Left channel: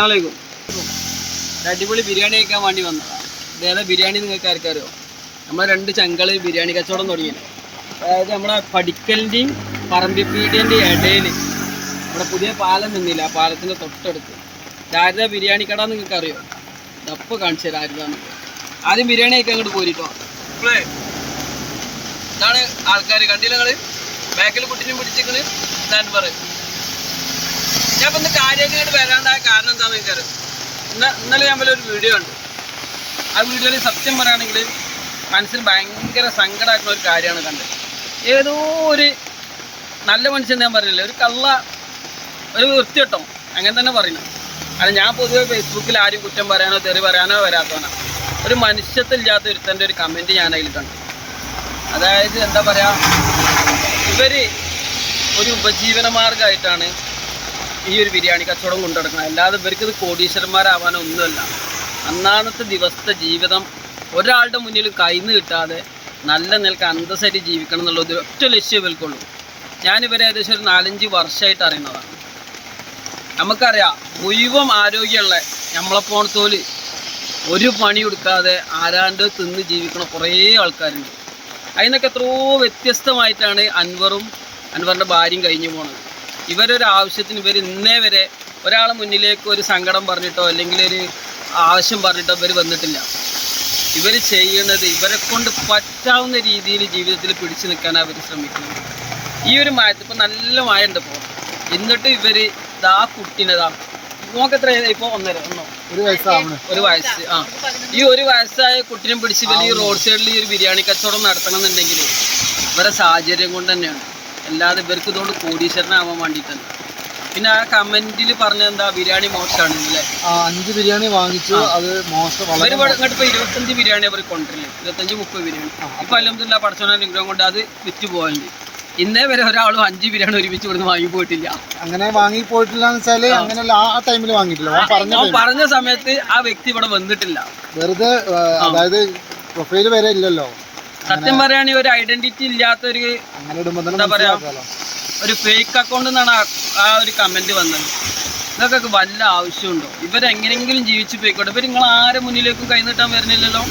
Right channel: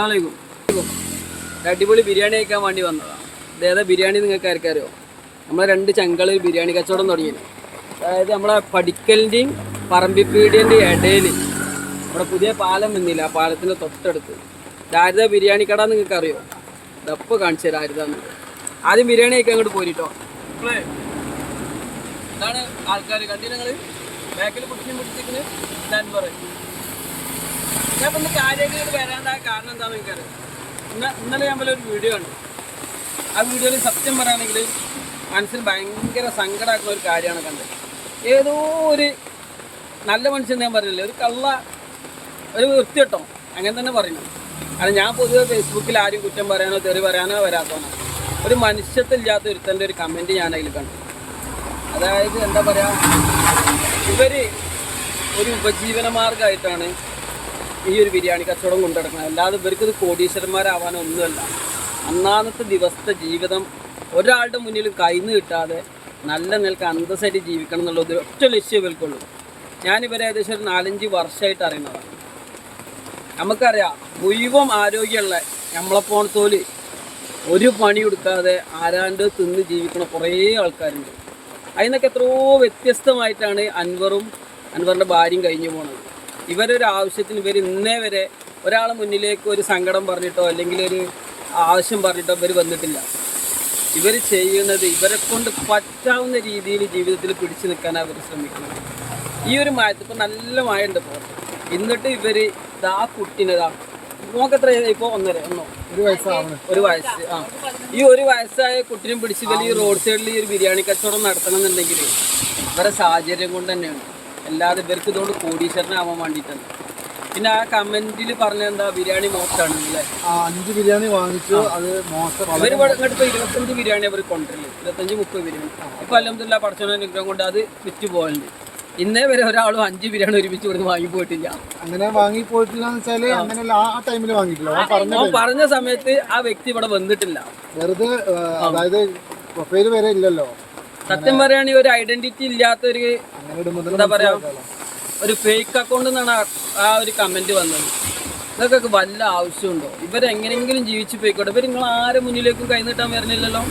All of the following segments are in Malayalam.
അസ്സലാമലൈക്കും. അടിപൊളി ബിരിയാണി കഴിക്കാൻ വേണ്ടി വന്നതാണ്. ഇതേതാ ബിരിയാണി നിങ്ങൾക്ക് ആർക്കറിയോ? നമ്മൾ 2 ചങ്കള് ബിരിയാണി കച്ചവടം തുടങ്ങിയത്. അതായത് നമ്മളെ പടിക്കലിൻ്റെയും പറമ്പിപ്പീടിയൻ്റെയും ഇടയിൽ നമ്മുടെ പുതിയ പാലം നിന്നില്ല, ആ പാലത്തിൻ്റെ തൊട്ടടുത്ത് ദാരിദ്ര്യ ബിരിയാണി കട നിങ്ങൾക്ക് അറിയോ? ഇതപ്പോൾ കാണിച്ചു തരാം ആരുതാന്ന്. ആദ്യം ബിരിയാണി കഴിക്കാൻ അങ്ങോട്ട് പോരിട്ടോ. ഇതാണ് ആൾക്കാർ കണ്ടില്ല നിങ്ങൾ, ബാക്കിൽ കുട്ടിനും പിടിച്ചിരിക്കണ് അൻവർ. ഞാൻ ഇപ്പം ഇന്ന് കാര്യമായിട്ട് വരാണ്ടായ കാരണം എന്താണെന്ന് എനിക്കറിയാം. ഇന്നലെ ഞാൻ പോലെ ഒരു വീഡിയോ ഉണ്ട്. ആ വീഡിയോയിൽ സത്യം പറയുകയാണെങ്കിൽ മനസ്സിന് ഭയങ്കര സങ്കടമായിട്ടുള്ള ഒരു കാര്യമാണ് കണ്ടത്. ഏതോ ഒരു നല്ല മനുഷ്യൻ ഞാൻ പറഞ്ഞില്ലേ, ഒരു കള്ള ഒരു വൃത്തികെട്ടോ അങ്ങനെ തന്നെ പറയണം. കാരണം ഞാൻ പൊതുവെ ഫേസ്ബുക്കിൽ ആരും കുറ്റം പറയാനോ തെറി പറയാനോ വരാത്തവനാണ്. ഒരു മനുഷ്യത്തില്ലാത്ത ഒരുത്തൻ്റെ ഒരു കമൻറ്റ് ഞാൻ അതിൽ കണ്ടു. അതായത് എന്താ പറയുക, ഇവർ ഒരു ഉപജീവന മാർഗമായിട്ടാണ് ഈ ഒരു ബിരിയാണി കച്ചവടം കൊണ്ടു നടക്കുന്നത്. അല്ലാതെ ഇവർക്ക് ഇത് കോടീശ്വരന്മാരാവാനോ ഒന്നുമല്ല. അന്നാന്നത്തെ ദിവസത്തെ ജീവിതം ഒരാളുടെ മുന്നിലും കൈന്ന് കിട്ടാതെ നല്ല നിലക്ക് അന്തസ്സായിട്ട് ജീവിക്കണം എന്നുള്ളത് ഒറ്റ ലക്ഷ്യം ഇവർക്കുള്ളൂ. ഞാനിവരെ ഏകദേശം ഒരു 4-5 വർഷമായിട്ട് അറിയുന്നതാണ്. നമുക്കറിയാം മുഴുവൻ ആരോഗ്യമുള്ള നമ്മളെപ്പോണത്തോല് ഒരു പണി കൊടുക്കാതെ ആരാണ്ട് തിന്ന് ജീവിക്കണ കുറേ ആൾക്കാരുണ്ട്. അതിനൊക്കെ എത്രയോ വ്യത്യസ്തമായിട്ടാണ് അൻവറിൻ്റെ ഭാര്യയും കഴിഞ്ഞു പോണത്. ഇവരൊരു ആവശ്യത്തിന് ഇവർ ഇന്നേ വരെ ഒരാളെ മുന്നിലേക്ക് ഒരു സങ്കടം പറഞ്ഞിട്ടോ അല്ലെങ്കിൽ ഒരു ആവശ്യം പറഞ്ഞിട്ടോ ഇവർ വന്നിട്ടില്ല. ഇവർ ചെയ്യുന്നത് ഇവരെ കൊണ്ട് പറ്റാവുന്ന രീതിയിൽ ജീവിതത്തിൽ പിടിച്ചു നിൽക്കാനാണ് അവർ ശ്രമിക്കുന്നത്. ഈ ഒരു മഴത്ത് ഇപ്പം നല്ല മഴ ഉണ്ട് ഇപ്പോൾ. എന്നിട്ട് ഇവർ ഇതാ കുട്ടീനതാ നോക്കത്ര ഇപ്പോൾ 1 വയസ്സ് ഈ 1 വയസ്സായ കുട്ടീനെ പിടിച്ച് ഇവർ ഈ റോഡ് സൈഡിൽ ഈ ഒരു ബിരിയാണി കച്ചവടം നടത്തണം എന്നുണ്ടെങ്കിൽ ഇവരെ സാഹചര്യം കൊണ്ട് തന്നെയാണ്. അല്ലാതെ ഇവർക്ക് ഇതുകൊണ്ട് കോടീശ്വരനാവാൻ വേണ്ടിയിട്ടല്ല. പിന്നെ ആ കമന്റിൽ പറഞ്ഞ എന്താ ബിരിയാണി മോശമാണ് അല്ലേ, 5 ബിരിയാണി വാങ്ങിച്ചു അത് മോശം. ഇവർ ഇങ്ങോട്ട് ഇപ്പോൾ 25 ബിരിയാണി അവർ കൊണ്ടുവരില്ല, 25-30 ബിരിയാണി. ഇപ്പം അൽഹംദുലില്ലാ പടച്ചോന്റെ അനുഗ്രഹം കൊണ്ട് അത് വിറ്റ് പോകാനുണ്ട്. ഇന്നേ വരെ ഒരാളും 5 ബിരിയാണി ഒരുമിച്ച് ഇവിടുന്ന് വാങ്ങിപ്പോയിട്ടില്ല. അങ്ങനെ വാങ്ങിപ്പോയിട്ടില്ല എന്ന് വെച്ചാല് അങ്ങനെയല്ല, ആ ടൈമിൽ വാങ്ങിയിട്ടില്ല. പറഞ്ഞ സമയത്ത് ആ വ്യക്തി ഇവിടെ വന്നിട്ടില്ല. വെറുതെ അതായത് പ്രൊഫൈല് വരെ ഇല്ലല്ലോ. സത്യം പറയുകയാണെങ്കിൽ ഒരു ഐഡന്റിറ്റി ഇല്ലാത്തൊരു എന്താ പറയാ ഒരു ഫേക്ക് അക്കൗണ്ട് എന്നാണ് ആ ഒരു കമന്റ് വന്നത്. ഇതൊക്കെ വല്ല ആവശ്യമുണ്ടോ? ഇവരെങ്ങനെങ്കിലും ജീവിച്ചു പോയിക്കോട്ടെ. ഇവർ നിങ്ങൾ ആരെ മുന്നിലേക്കും കൈനീട്ടാൻ വരുന്നില്ലല്ലോ.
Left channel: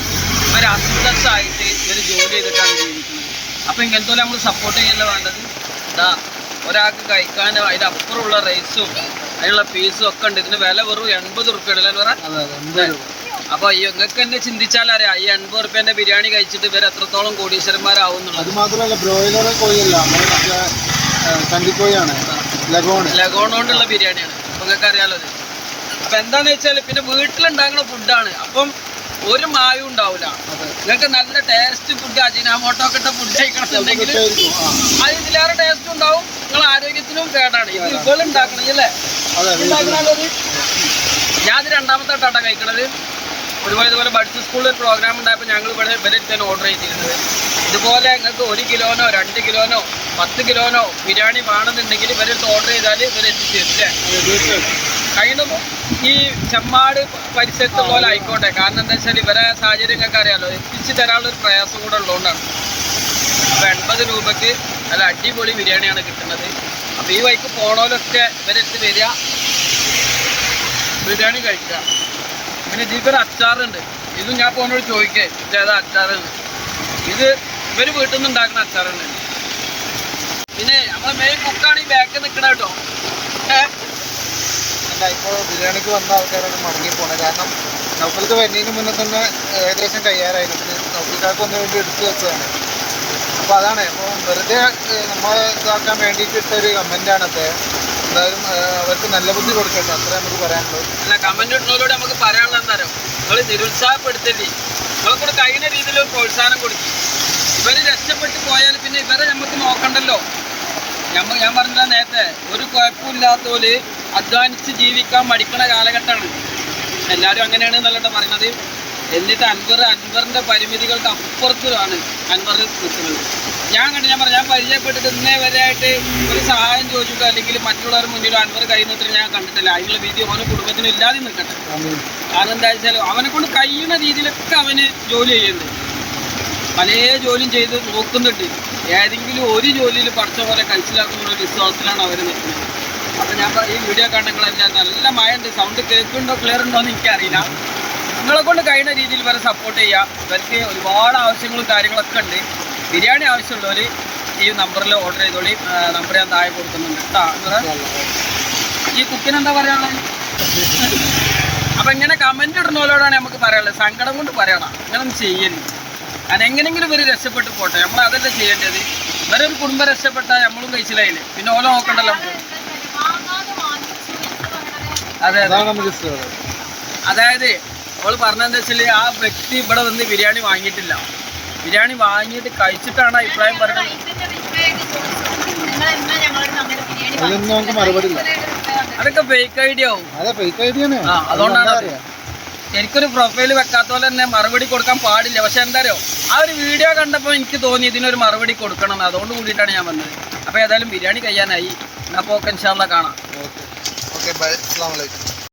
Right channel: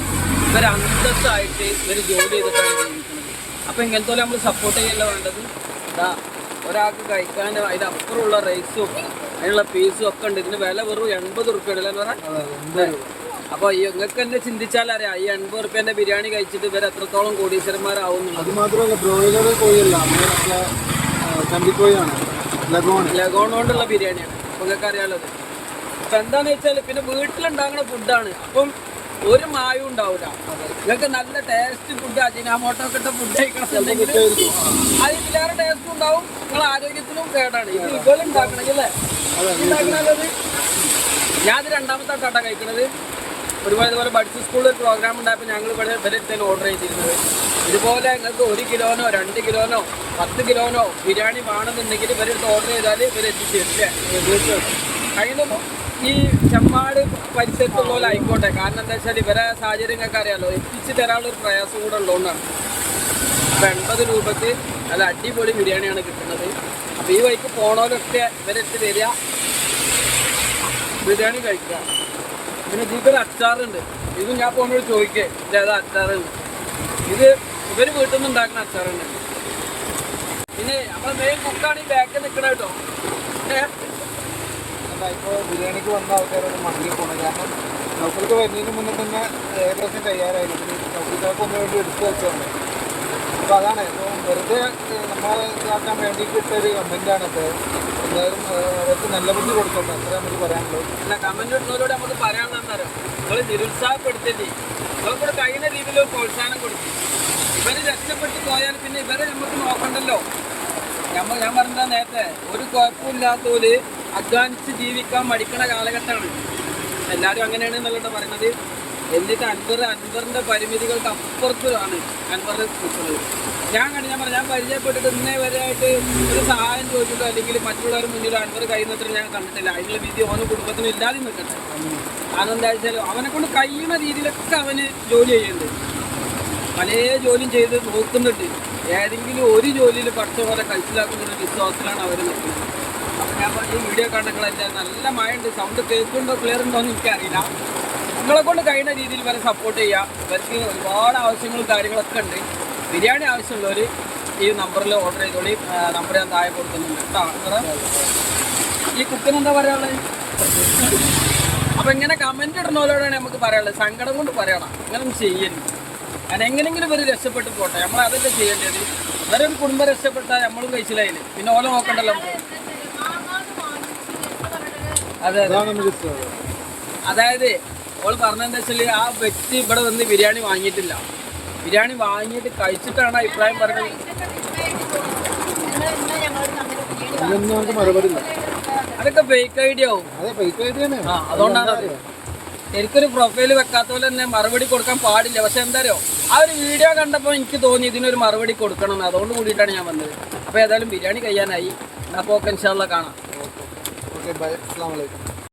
ഇവർ അന്തസ്സായിട്ട് ഇവർ ജോലി ചെയ്തിട്ടാണ് ജീവിക്കുന്നത്. അപ്പം ഇങ്ങനത്തെ നമ്മൾ സപ്പോർട്ട് ചെയ്യല്ല വേണ്ടത്. ഇതാ ഒരാൾക്ക് കഴിക്കാൻ അതിനപ്പുറമുള്ള റൈസും അതിനുള്ള പീസും ഒക്കെ ഉണ്ട്. ഇതിന് വില വെറും 80 റുപ്യ പറയാം. അപ്പോൾ നിങ്ങൾക്ക് തന്നെ ചിന്തിച്ചാലറിയാം ഈ 80 റുപ്യേൻ്റെ ബിരിയാണി കഴിച്ചിട്ട് ഇവർ എത്രത്തോളം കോടീശ്വരന്മാരാവുന്നുണ്ട്. അത് മാത്രമല്ല ബ്രോയിലർ കോഴിയല്ല, കണ്ടിക്കോഴിയാണ്, ലഗോൺ കൊണ്ടുള്ള ബിരിയാണിയാണ്. അപ്പോൾ നിങ്ങൾക്ക് അറിയാലോ അത്. അപ്പം എന്താണെന്ന് വെച്ചാൽ പിന്നെ വീട്ടിലുണ്ടാകുന്ന ഫുഡാണ്. അപ്പം ഒരു മായവും ഉണ്ടാവില്ല. നിങ്ങൾക്ക് നല്ല ടേസ്റ്റ് ഫുഡ് അജിനാമോട്ടോ ഒക്കെ ഇട്ട ഫുഡ് കഴിക്കണമെന്നുണ്ടെങ്കിൽ അത് ഇതിലേറെ ടേസ്റ്റ് ഉണ്ടാവും, നിങ്ങൾ ആരോഗ്യത്തിനും കേടാണ്. ഇത് ഇവൾ ഉണ്ടാക്കണമെങ്കിൽ അല്ലേ ഉണ്ടാക്കണത്. ഞാനത് 2ാമത്തെ ആട്ടാണ് കഴിക്കണത്. ഒരുപാട് ഇതുപോലെ ബഡ്സ് സ്കൂളിൽ ഒരു പ്രോഗ്രാം ഉണ്ടായപ്പോൾ ഞങ്ങൾ ഇവിടെ ഇവരെടുത്താണ് ഓർഡർ ചെയ്തിരുന്നത്. ഇതുപോലെ നിങ്ങൾക്ക് 1 കിലോനോ 2 കിലോനോ 10 കിലോനോ ബിരിയാണി വേണമെന്നുണ്ടെങ്കിൽ ഇവരെടുത്ത് ഓർഡർ ചെയ്താൽ ഇവരെത്തിച്ചേരില്ലേ. കഴിഞ്ഞപ്പോൾ ഈ ചെമ്മാട് പരിസരത്തുള്ള പോലെ ആയിക്കോട്ടെ. കാരണം എന്താ വെച്ചാൽ ഇവരെ സാഹചര്യം നിങ്ങൾക്ക് അറിയാമല്ലോ, എത്തിച്ച് തരാനുള്ളൊരു പ്രയാസം കൂടെ ഉള്ളതുകൊണ്ടാണ്. അപ്പോൾ 80 രൂപയ്ക്ക് നല്ല അടിപൊളി ബിരിയാണിയാണ് കിട്ടുന്നത്. അപ്പോൾ ഈ വഴിക്ക് പോണോലൊക്കെ ഇവരെടുത്ത് വരിക, ബിരിയാണി കഴിക്കുക. പിന്നെ ഇതിക്കൊരു അച്ചാറുണ്ട്. ഇതും ഞാൻ പോകുന്നോട് ചോദിക്കേ ഇതേതാ അച്ചാറുണ്ട്. ഇത് ഇവർ വീട്ടിൽ നിന്ന് ഉണ്ടാക്കുന്ന അച്ചാറുണ്ട്. പിന്നെ നമ്മളെ മെയിൻ കുക്കാണ് ഈ ബാക്കിൽ നിൽക്കണ കേട്ടോ. ഇപ്പോൾ ബിരിയാണിക്ക് വന്ന ആൾക്കാരാണ് മടങ്ങി പോണത്. കാരണം നൗഫൽക്ക് വരുന്നതിന് മുന്നേ തന്നെ ഏകദേശം തയ്യാറായിരുന്നു. നൗഫൽക്കാർക്ക് ഒന്നു വേണ്ടി എടുത്തു വെച്ചതാണ്. അപ്പോൾ അതാണ് ഇപ്പോൾ വെറുതെ നമ്മൾ ഇതാക്കാൻ വേണ്ടിയിട്ടിട്ടൊരു കമൻറ്റാണ് അദ്ദേഹം. എന്തായാലും അവർക്ക് നല്ല ബുദ്ധി കൊടുക്കട്ടെ, അത്രേ നമുക്ക് പറയാനുള്ളൂ. അല്ല, കമന്റ് ഇടുന്നതിലൂടെ നമുക്ക് പറയാനുള്ളത് എന്താ പറയുക, നിങ്ങൾ നിരുത്സാഹപ്പെടുത്തില്ലേ, നിങ്ങൾക്കൂടെ കഴിയുന്ന രീതിയിൽ ഒരു പ്രോത്സാഹനം കൊടുക്കും. ഇവർ രക്ഷപ്പെട്ട് പോയാൽ പിന്നെ ഇവരെ നമുക്ക് നോക്കണ്ടല്ലോ. ഞാൻ പറഞ്ഞില്ല നേരത്തെ, ഒരു കുഴപ്പമില്ലാത്തോല് അധ്വാനിച്ച് ജീവിക്കാൻ മടിക്കണ കാലഘട്ടമാണ്. എല്ലാവരും അങ്ങനെയാണ് എന്നല്ലോ പറയുന്നത്. എന്നിട്ട് അൻവറിൻ്റെ പരിമിതികൾക്ക് അപ്പുറത്താണ് അൻവർ നിൽക്കുന്നത്. ഞാൻ പരിചയപ്പെട്ടിട്ട് ഇന്നേ വരെ ആയിട്ട് ഒരു സഹായം ചോദിച്ചിട്ടോ അല്ലെങ്കിൽ മറ്റുള്ളവർ മുന്നിലോ അൻവർ കൈ നിന്നിട്ട് ഞാൻ കണ്ടിട്ടില്ല. അതിനുള്ള വിധി ഓരോ കുടുംബത്തിനും ഇല്ലാതെ നിൽക്കട്ടെ. കാരണം എന്താ വെച്ചാൽ അവനെ കൊണ്ട് കഴിയുന്ന രീതിയിലൊക്കെ അവന് ജോലി ചെയ്യുന്നുണ്ട്, പല ജോലിയും ചെയ്ത് നോക്കുന്നുണ്ട്. ഏതെങ്കിലും ഒരു ജോലിയിൽ പഠിച്ച പോലെ കഴിച്ചിലാക്കുന്ന ഒരു വിശ്വാസത്തിലാണ് അവർ നിൽക്കുന്നത്. അപ്പോൾ ഞാൻ ഈ വീഡിയോ കണ്ടെങ്കിലെല്ലാം നല്ല മഴ ഉണ്ട്, സൗണ്ട് കേൾക്കുന്നുണ്ടോ ക്ലിയർ ഉണ്ടോ എന്ന് എനിക്കറിയില്ല. നിങ്ങളെ കൊണ്ട് കഴിയുന്ന രീതിയിൽ വരെ സപ്പോർട്ട് ചെയ്യുക. ഇവർക്ക് ഒരുപാട് ആവശ്യങ്ങളും കാര്യങ്ങളൊക്കെ ഉണ്ട്. ബിരിയാണി ആവശ്യമുള്ളവർ ഈ നമ്പറിൽ ഓർഡർ ചെയ്തോളി. നമ്പർ ഞാൻ താഴെ കൊടുക്കുന്നുണ്ട് കേട്ടോ. ഈ കുക്കിന് എന്താ പറയാനുള്ളത്? അപ്പം ഇങ്ങനെ കമൻറ്റ് ഇടുന്നവരോടാണ് നമുക്ക് പറയാനുള്ളത്. സങ്കടം കൊണ്ട് പറയണം, അങ്ങനെ ഒന്നും ചെയ്യരുത്. കാരണം എങ്ങനെയെങ്കിലും ഇവർ രക്ഷപ്പെട്ട് പോട്ടെ, നമ്മൾ അതല്ലേ ചെയ്യേണ്ടത്. ഇവരൊരു കുടുംബം രക്ഷപ്പെട്ടാൽ നമ്മളും കഴിച്ചില്ലായില്ലേ, പിന്നെ ഓല നോക്കണ്ടല്ലോ നമുക്ക്. അതെ അതെ, അതായത് അവൾ പറഞ്ഞതെന്താ വെച്ചാൽ ആ വ്യക്തി ഇവിടെ വന്ന് ബിരിയാണി വാങ്ങിയിട്ടില്ല, ബിരിയാണി വാങ്ങിയിട്ട് കഴിച്ചിട്ടാണ് അഭിപ്രായം പറഞ്ഞത്. അതൊക്കെ ഫേക്ക് ഐഡിയ ആവും. ആ, അതുകൊണ്ടാണ് എനിക്കൊരു പ്രൊഫൈൽ വെക്കാത്ത പോലെ തന്നെ മറുപടി കൊടുക്കാൻ പാടില്ല. പക്ഷെ എന്തായാലും ആ ഒരു വീഡിയോ കണ്ടപ്പോൾ എനിക്ക് തോന്നി ഇതിനൊരു മറുപടി കൊടുക്കണം, അതുകൊണ്ട് കൂടിയിട്ടാണ് ഞാൻ വന്നത്. അപ്പോൾ ഏതായാലും ബിരിയാണി കഴിയാനായി. അപ്പോൾ ഓക്കെ, ഇൻഷാ അല്ലാഹ് കാണാം. ഓക്കെ, ബൈ, അസ്സലാമു അലൈക്കും.